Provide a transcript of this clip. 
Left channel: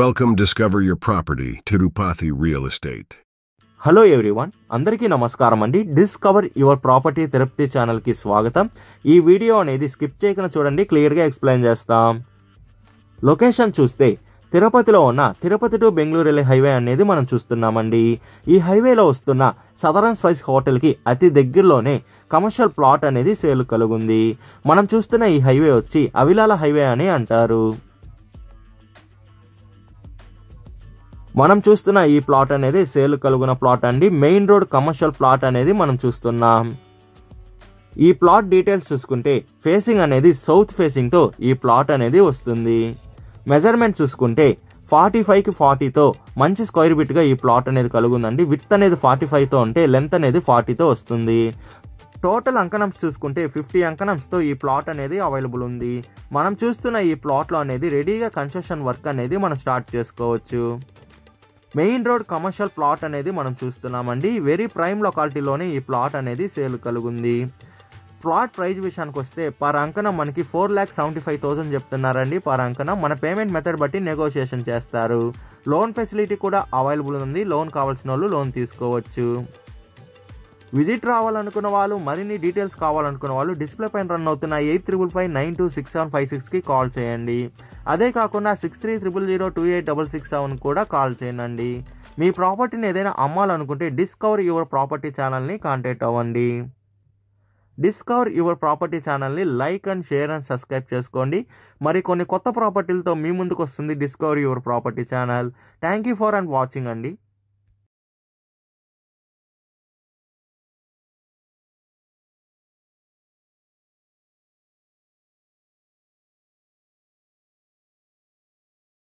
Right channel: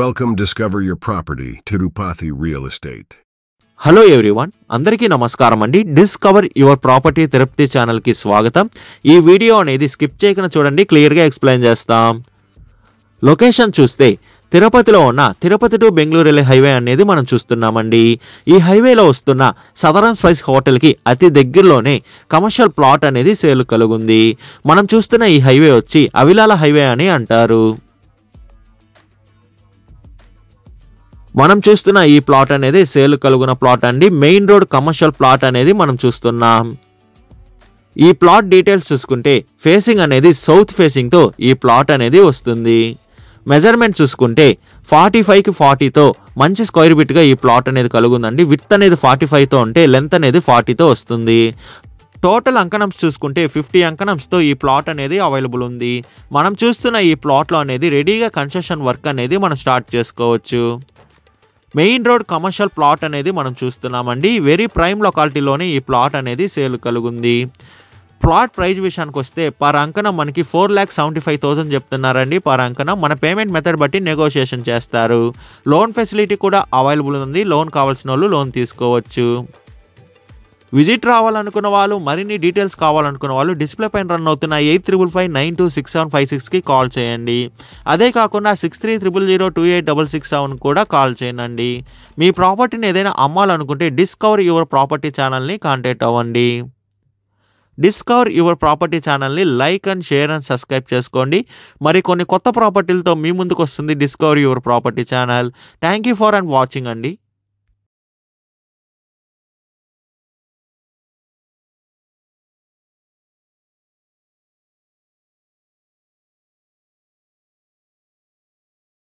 Welcome Discover Your Property Tirupati Real Estate. Hello everyone, అందరికీ నమస్కారం అండి. డిస్కవర్ యువర్ ప్రాపర్టీ తిరుపతి ఛానల్కి స్వాగతం. ఈ వీడియో అనేది స్కిప్ చేయకుండా చూడండి, క్లియర్గా ఎక్స్ప్లెయిన్ చేస్తాం. లొకేషన్ చూస్తే తిరుపతిలో ఉన్న తిరుపతి టు బెంగళూరు వెళ్ళే హైవే అనేది మనం చూస్తున్నామండి. ఈ హైవేలో వస్తున్న సదరన్ స్పైస్ హోటల్కి అతి దగ్గరలోనే కమర్షియల్ ప్లాట్ అనేది సేల్ కలుగుంది. మనం చూస్తున్న ఈ హైవే వచ్చి అవిలాల హైవే అని అంటారు. మనం చూస్తున్న ఈ ప్లాట్ అనేది సేల్ కలుగున ప్లాట్ అండి. మెయిన్ రోడ్ కమర్షియల్ ప్లాట్ అనేది మనం చూస్తున్నాం. ఈ ప్లాట్ డీటెయిల్స్ చూసుకుంటే ఫేసింగ్ అనేది సౌత్ ఫేసింగ్తో ఈ ప్లాట్ అనేది వస్తుంది. మెజర్మెంట్ చూసుకుంటే 45కి 40తో మంచి స్క్వేర్ బిట్గా ఈ ప్లాట్ అనేది కలుగుందండి. విడ్త్ అనేది 45తో ఉంటే లెంత్ అనేది 40తో వస్తుంది. టోటల్ అంకణమ్స్ చూసుకుంటే 50 అంకణమ్స్తో ఈ ప్లాట్ అనేది అవైలబుల్ ఉంది. మనం చూస్తున్న ఈ ప్లాట్లో అనేది రెడీగా కన్స్ట్రక్షన్ వర్క్ అనేది మనం స్టార్ట్ చేసుకోవచ్చు. మెయిన్ రోడ్ కమర్షియల్ ప్లాట్ అనేది మనం చూస్తున్నామండి. వెరీ ప్రైమ్ లొకాలిటీలోనే ఈ ప్లాట్ అనేది సేల్ కలుగుంది. ప్లాట్ ప్రైస్ విషయానికి వస్తే పర్ అంకణం మనకి 4,75,000 చెప్తున్నారండి పర్ అంకణం. మన పేమెంట్ మెథడ్ బట్టి నెగోషియేషన్ చేస్తారు. లోన్ ఫెసిలిటీ కూడా అవైలబుల్ ఉంది. లోన్ కావాల్సిన వాళ్ళు లోన్ తీసుకోవచ్చు. విజిట్ రావాలనుకున్న వాళ్ళు, మరిన్ని డీటెయిల్స్ కావాలనుకున్న వాళ్ళు డిస్ప్లే పైన రన్ అవుతున్న 8555926756కి కాల్ చేయండి. అదే కాకుండా 6300028667 కూడా కాల్ చేయండి. మీ ప్రాపర్టీని ఏదైనా అమ్మాలనుకుంటే డిస్కవర్ యువర్ ప్రాపర్టీ ఛానల్ని కాంటాక్ట్ అవ్వండి. డిస్కవర్ యువర్ ప్రాపర్టీ ఛానల్ని like and share and subscribe చేసుకోండి. మరి కొన్ని కొత్త ప్రాపర్టీలతో మీ ముందుకు వస్తుంది discover your property channel. Thank you for and watching అండి.